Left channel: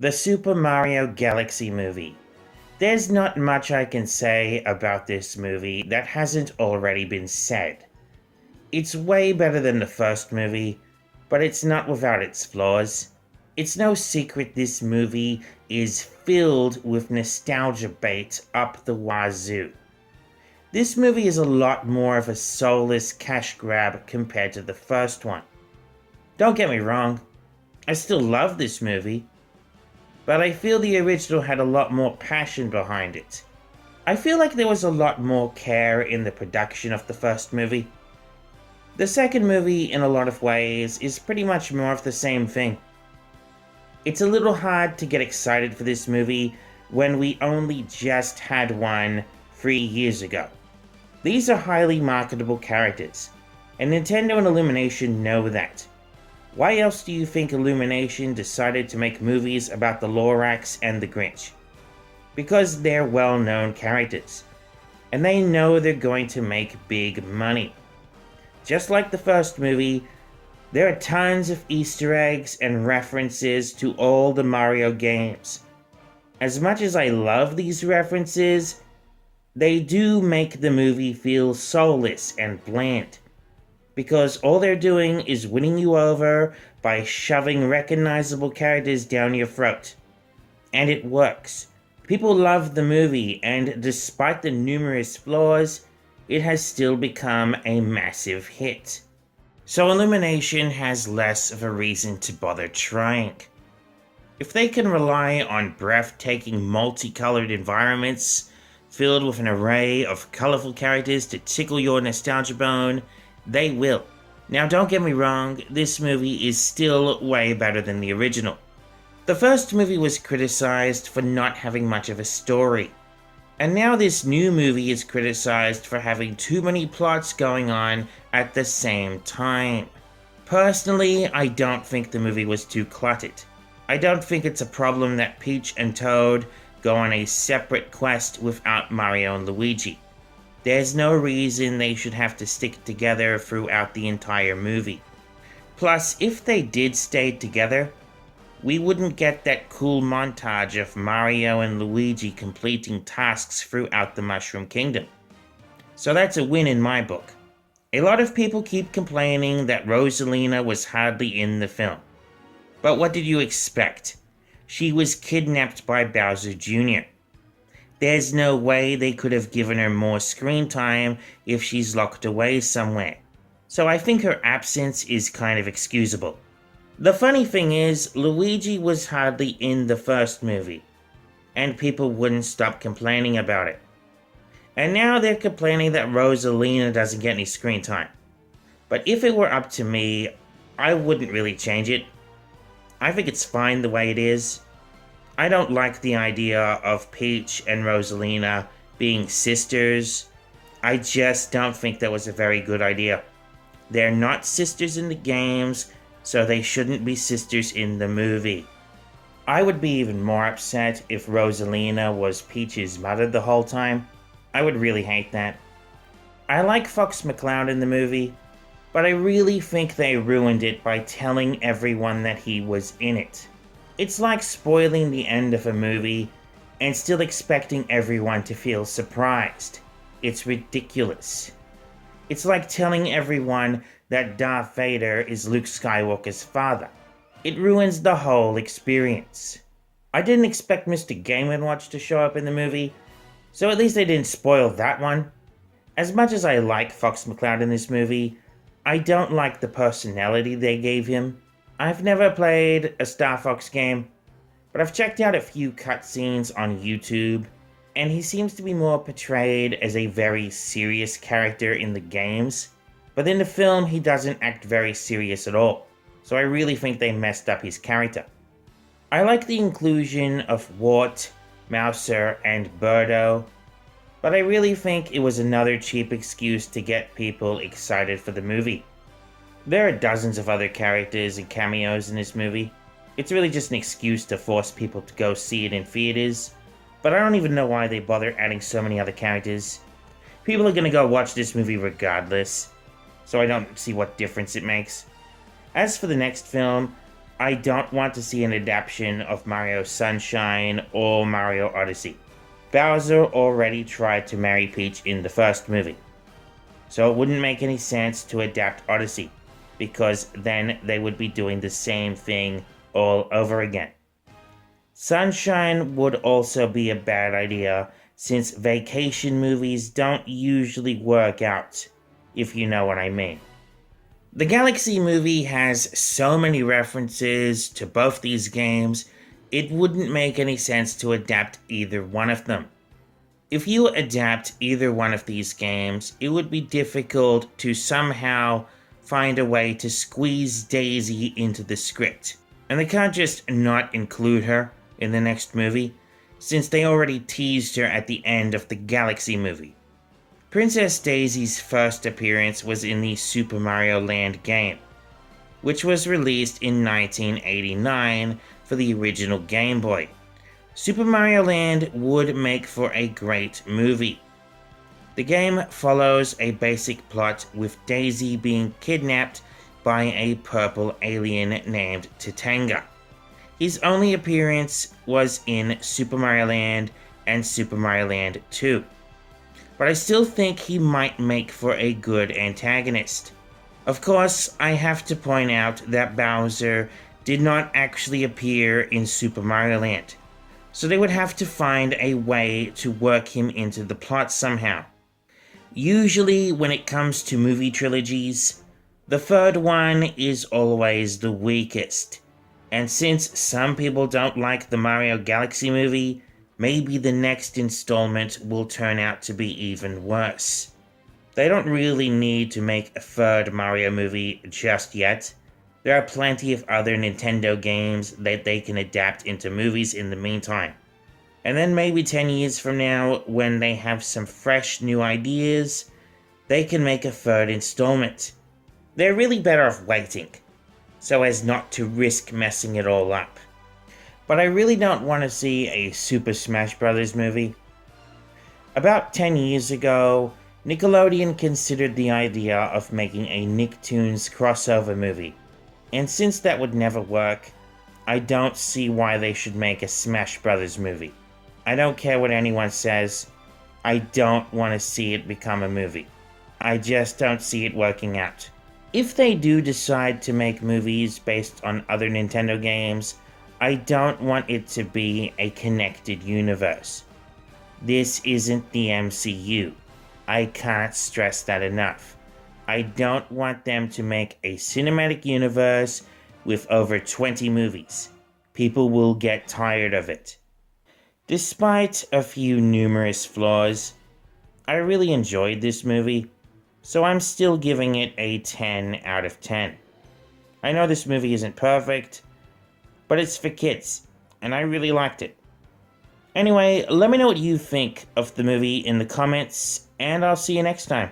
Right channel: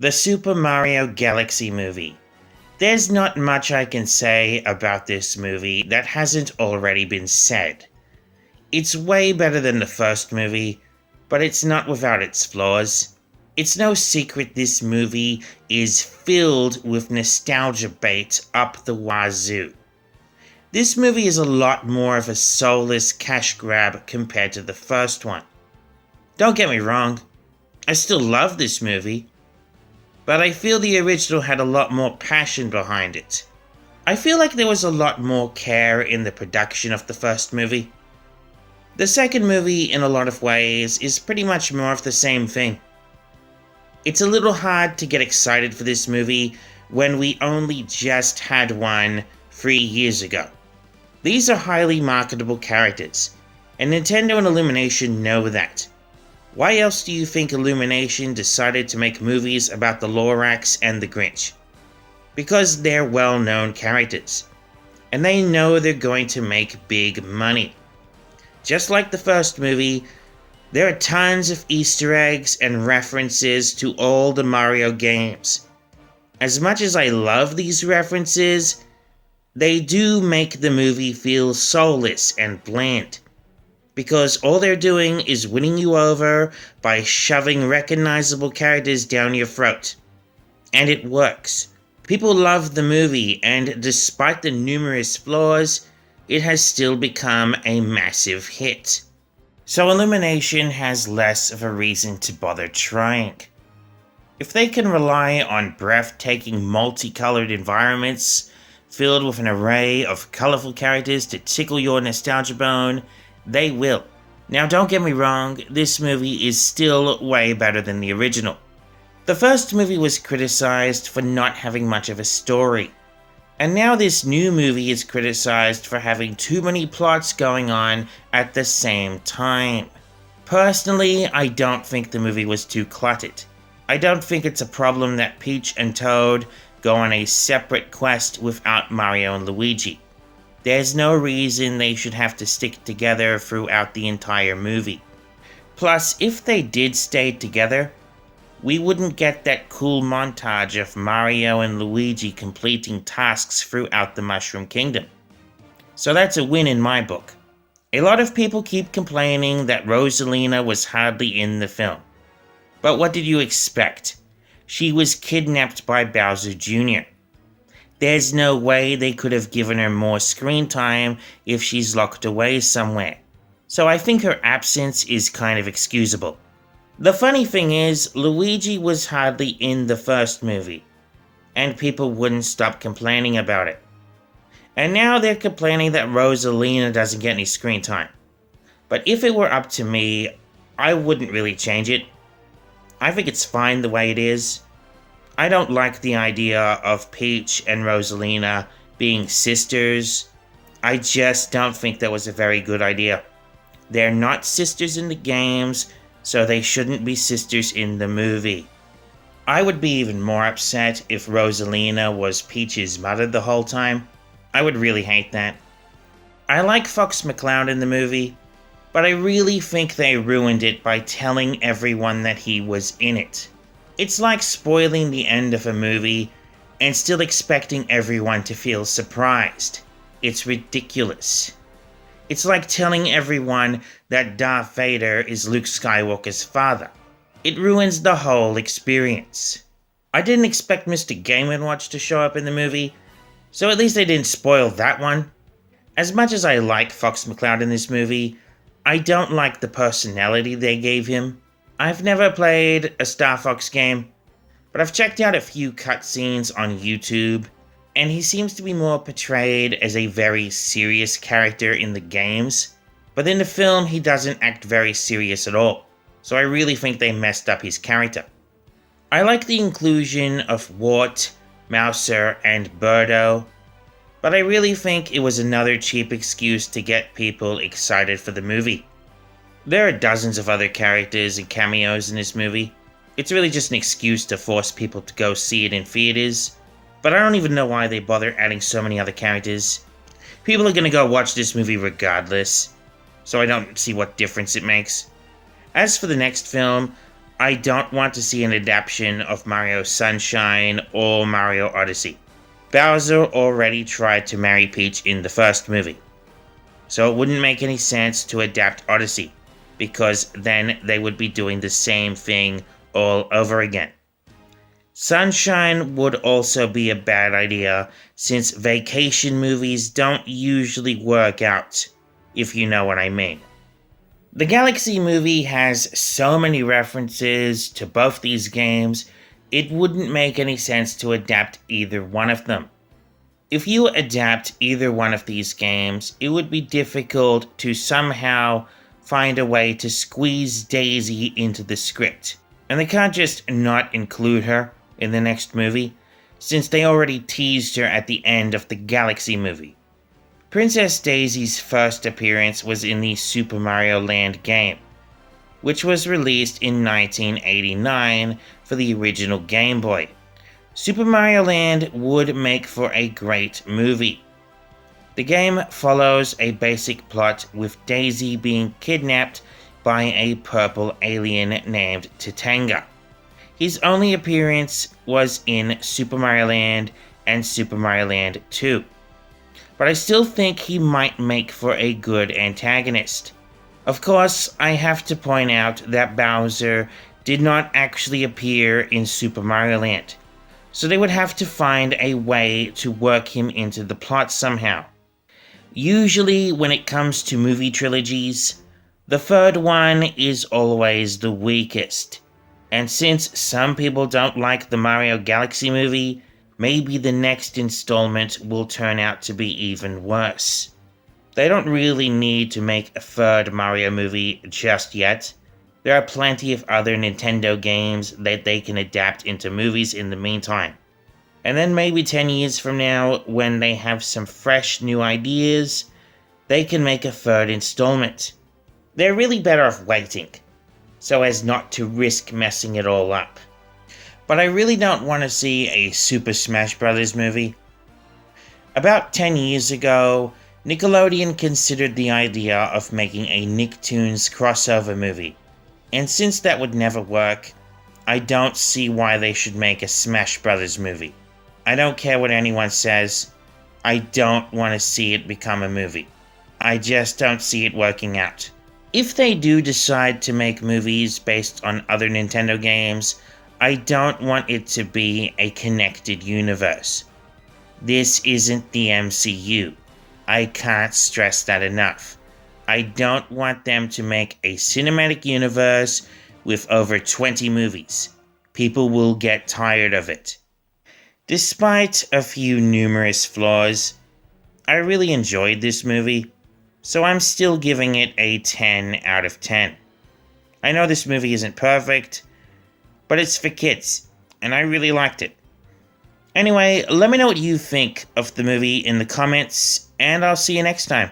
The Super Mario Galaxy movie. There's not much I can say about this movie that hasn't already been said. It's way better than the first movie, but it's not without its flaws. It's no secret this movie is filled with nostalgia bait up the wazoo. This movie is a lot more of a soulless cash grab compared to the first one. Don't get me wrong, I still love this movie, but I feel the original had a lot more passion behind it. I feel like there was a lot more care in the production of the first movie. The second movie, in a lot of ways, is pretty much more of the same thing. It's a little hard to get excited for this movie when we only just had one 3 years ago. These are highly marketable characters, and Nintendo and Illumination know that. Why else do you think Illumination decided to make movies about the Lorax and the Grinch? Because they're well-known characters, and they know they're going to make big money. Just like the first movie, there are tons of Easter eggs and references to all the Mario games. As much as I love these references, they do make the movie feel soulless and bland, because all they're doing is winning you over by shoving recognizable characters down your throat. And it works. People love the movie, and despite the numerous flaws, it has still become a massive hit. So Illumination has less of a reason to bother trying. If they can rely on breathtaking multicolored environments filled with an array of colorful characters to tickle your nostalgia bone, they will. Now don't get me wrong, this movie is still way better than the original. The first movie was criticized for not having much of a story, and now this new movie is criticized for having too many plots going on at the same time. Personally, I don't think the movie was too cluttered. I don't think it's a problem that Peach and Toad go on a separate quest without Mario and Luigi. There's no reason they should have to stick together throughout the entire movie. Plus, if they did stay together, we wouldn't get that cool montage of Mario and Luigi completing tasks throughout the Mushroom Kingdom. So that's a win in my book. A lot of people keep complaining that Rosalina was hardly in the film. But what did you expect? She was kidnapped by Bowser Jr. There's no way they could have given her more screen time if she's locked away somewhere. So I think her absence is kind of excusable. The funny thing is, Luigi was hardly in the first movie, and people wouldn't stop complaining about it. And now they're complaining that Rosalina doesn't get any screen time. But if it were up to me, I wouldn't really change it. I think it's fine the way it is. I don't like the idea of Peach and Rosalina being sisters. I just don't think that was a very good idea. They're not sisters in the games, so they shouldn't be sisters in the movie. I would be even more upset if Rosalina was Peach's mother the whole time. I would really hate that. I like Fox McCloud in the movie, but I really think they ruined it by telling everyone that he was in it. It's like spoiling the end of a movie and still expecting everyone to feel surprised. It's ridiculous. It's like telling everyone that Darth Vader is Luke Skywalker's father. It ruins the whole experience. I didn't expect Mr. Game & Watch to show up in the movie, so at least they didn't spoil that one. As much as I like Fox McCloud in this movie, I don't like the personality they gave him. I've never played a Star Fox game, but I've checked out a few cutscenes on YouTube, and he seems to be more portrayed as a very serious character in the games, but in the film he doesn't act very serious at all, so I really think they messed up his character. I like the inclusion of Wart, Mouser, and Birdo, but I really think it was another cheap excuse to get people excited for the movie. There are dozens of other characters and cameos in this movie. It's really just an excuse to force people to go see it in theaters, but I don't even know why they bother adding so many other characters. People are gonna go watch this movie regardless, so I don't see what difference it makes. As for the next film, I don't want to see an adaptation of Mario Sunshine or Mario Odyssey. Bowser already tried to marry Peach in the first movie, so it wouldn't make any sense to adapt Odyssey, because then they would be doing the same thing all over again. Sunshine would also be a bad idea, since vacation movies don't usually work out, if you know what I mean. The Galaxy movie has so many references to both these games, it wouldn't make any sense to adapt either one of them. If you adapt either one of these games, it would be difficult to somehow find a way to squeeze Daisy into the script. And they can't just not include her in the next movie, since they already teased her at the end of the Galaxy movie. Princess Daisy's first appearance was in the Super Mario Land game, which was released in 1989 for the original Game Boy. Super Mario Land would make for a great movie. The game follows a basic plot with Daisy being kidnapped by a purple alien named Titanga. His only appearance was in Super Mario Land and Super Mario Land 2. But I still think he might make for a good antagonist. Of course, I have to point out that Bowser did not actually appear in Super Mario Land, so they would have to find a way to work him into the plot somehow. Usually, when it comes to movie trilogies, the third one is always the weakest. And since some people don't like the Mario Galaxy movie, maybe the next installment will turn out to be even worse. They don't really need to make a third Mario movie just yet. There are plenty of other Nintendo games that they can adapt into movies in the meantime. And then maybe 10 years from now, when they have some fresh new ideas, they can make a third installment. They're really better off waiting, so as not to risk messing it all up. But I really don't want to see a Super Smash Bros. Movie. About 10 years ago, Nickelodeon considered the idea of making a Nicktoons crossover movie. And since that would never work, I don't see why they should make a Smash Bros. Movie. I don't care what anyone says, I don't want to see it become a movie. I just don't see it working out. If they do decide to make movies based on other Nintendo games, I don't want it to be a connected universe. This isn't the MCU. I can't stress that enough. I don't want them to make a cinematic universe with over 20 movies. People will get tired of it. Despite a few numerous flaws, I really enjoyed this movie, so I'm still giving it a 10 out of 10. I know this movie isn't perfect, but it's for kids, and I really liked it. Anyway, let me know what you think of the movie in the comments, and I'll see you next time.